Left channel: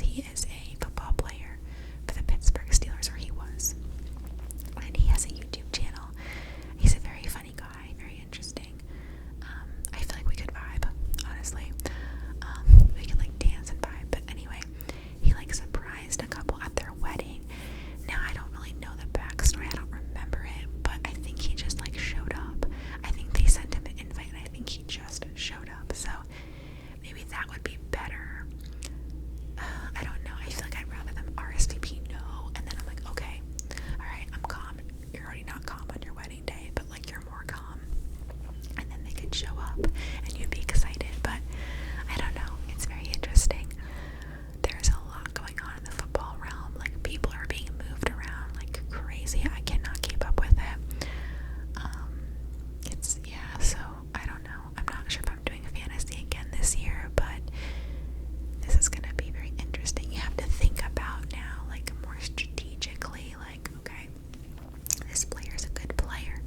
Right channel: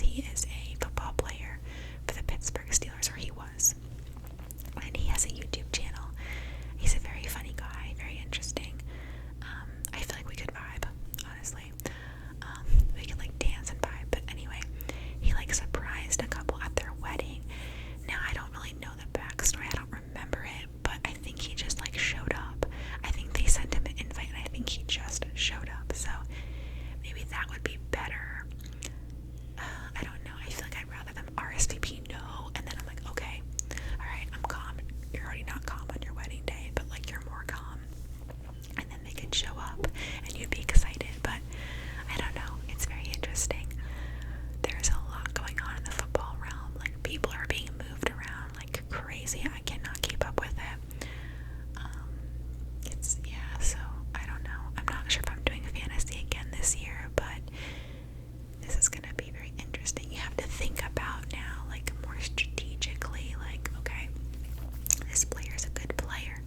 He is a football player for the Pittsburgh Steelers, or he was. And he has a YouTube channel. He's a very funny guy, very interesting. I feel like we could vibe, honestly. We could like dance and vibe. But anyway, he like surprised a couple at their wedding. Now I don't really know the backstory. I don't remember it, but I think he just like showed up. I think they sent him an invite, and I think he just showed up. So maybe that would be better. I don't know. I feel like I'd rather them RSVP no, and then I'm like, okay, all right, I'm calm. You're already not calm on your wedding day, but like you're more calm. And then they could show up, and you'd be excited. But I don't know. It's very interesting. There's a lot going on in the football realm. Like people are being moved around like crazy. I cannot keep up with it. So I don't know. I'm not sure if I'm doing fantasy again this year, but this is gonna be very interesting. You have to think about now, like more strategically, like, okay, this player is a good player,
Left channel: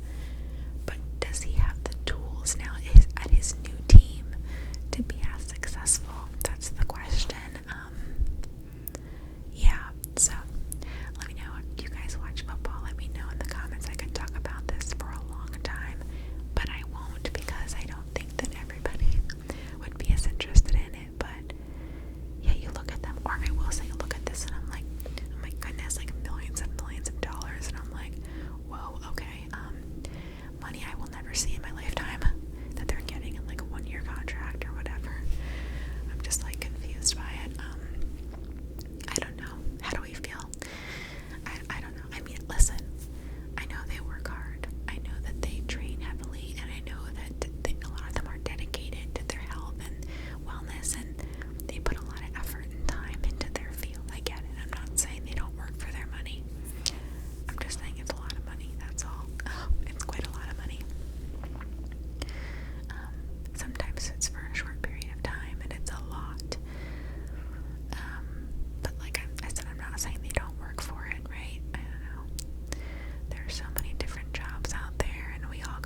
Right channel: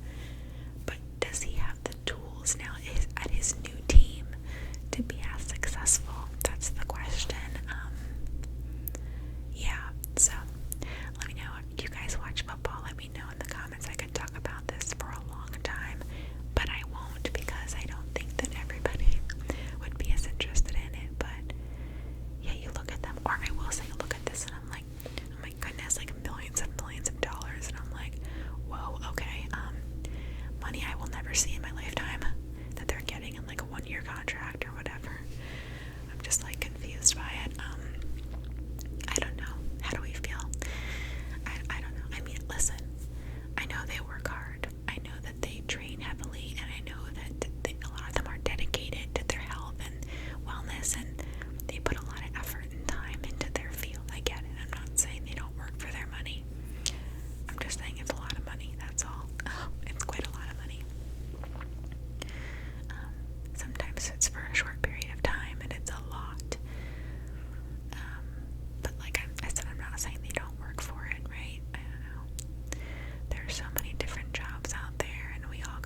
but does he have the tools now at his new team to be as successful? That's the question. Yeah, so let me know. Do you guys watch football? Let me know in the comments. I could talk about this for a long time, but I won't because I don't think that everybody would be as interested in it. But yeah, you look at them, or I will say, look at this, and I'm like, oh my goodness, like millions and millions of dollars, and I'm like, whoa, okay, money I will never see in my lifetime that they're getting in like a 1-year contract or whatever. I'm just like confused by it. I don't know. How do we feel? I don't know. I mean, listen, I know they work hard. I know that they train heavily, and I know that a lot of them are dedicated to their health and wellness, and they put a lot of effort and time into their field. I get it. I'm not saying they don't work for their money. I'm just saying it's a lot of money. That's all. It's quite a lot of money. Sometimes it's for a short period of time, and it's a lot. But like I said, I'm not saying they don't work for it, right? I don't know. There are so many different jobs out there, and we all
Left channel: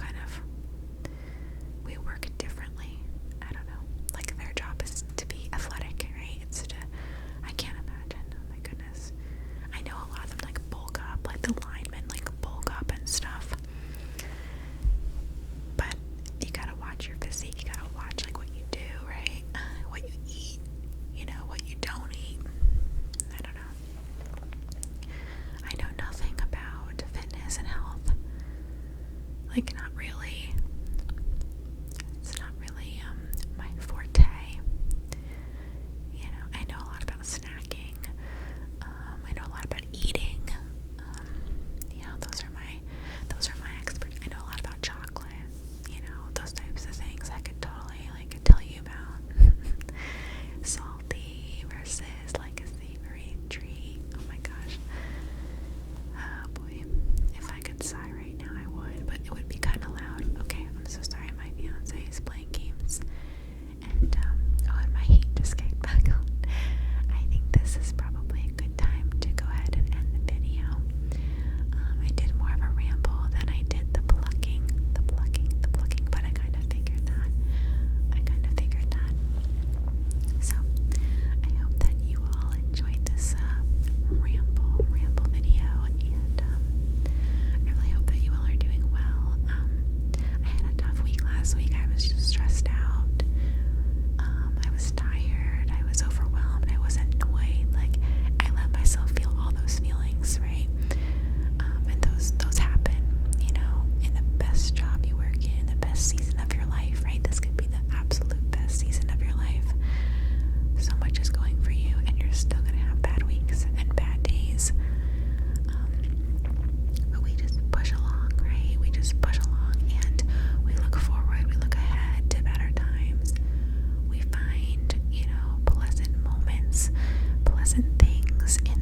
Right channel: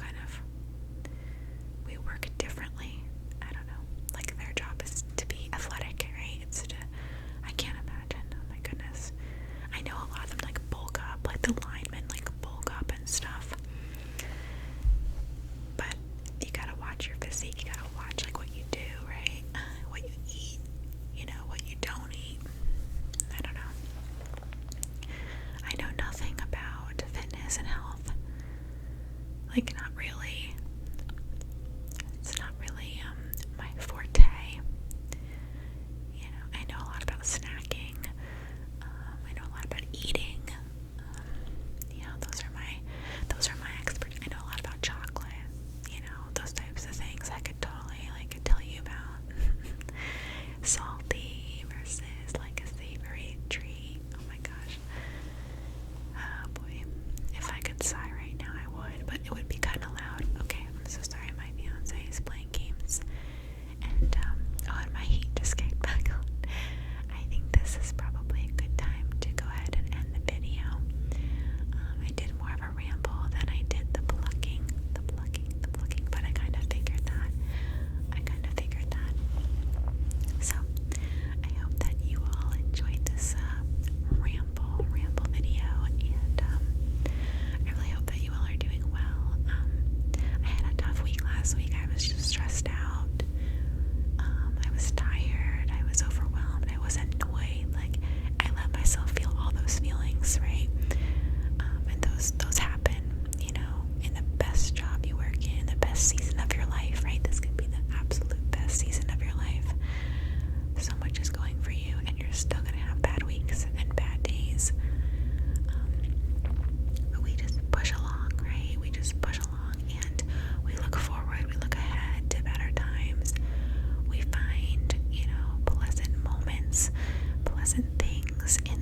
we work differently. I don't know. Like their job is to be athletic, right? I can't imagine. Oh my goodness. I know a lot of them like bulk up, like the linemen like bulk up and stuff. But you gotta watch your physique. You gotta watch like what you do, right? What you eat, what you don't eat. I don't know. I know nothing about fitness and health. Like not really. It's not really my forte. I know a lot about snacking. I know a lot about eating. Those are my experts. I know a lot about chocolate. Those types of things I could totally like tell you about. Salty versus like a savory treat. Oh my gosh. Oh boy. If I could sigh right now I would, but it would be kind of loud. Okay, I'm so sorry. My fiance is playing games, and and my heat just came back on. I think this is probably a good time to go ahead and end the video. I did more of a ramble than I did the plucking, but I kind of figured that. So, I hope that you all enjoyed this ramble video, and I really hope that you all are doing well. I had a tough week last week. I was just stressed out. I was tired. I was overwhelmed. I was annoyed. Like, I let myself feel all those feelings, right? And those happen, in the best job you work in, the best season of your life, right? This could be the absolute best season of your life. So much is going for you, and you're still gonna have bad weeks and bad days. But we just push along, right? We just push along, and we look forward. We look ahead to better times. We find, pleasant moments, pleasant things in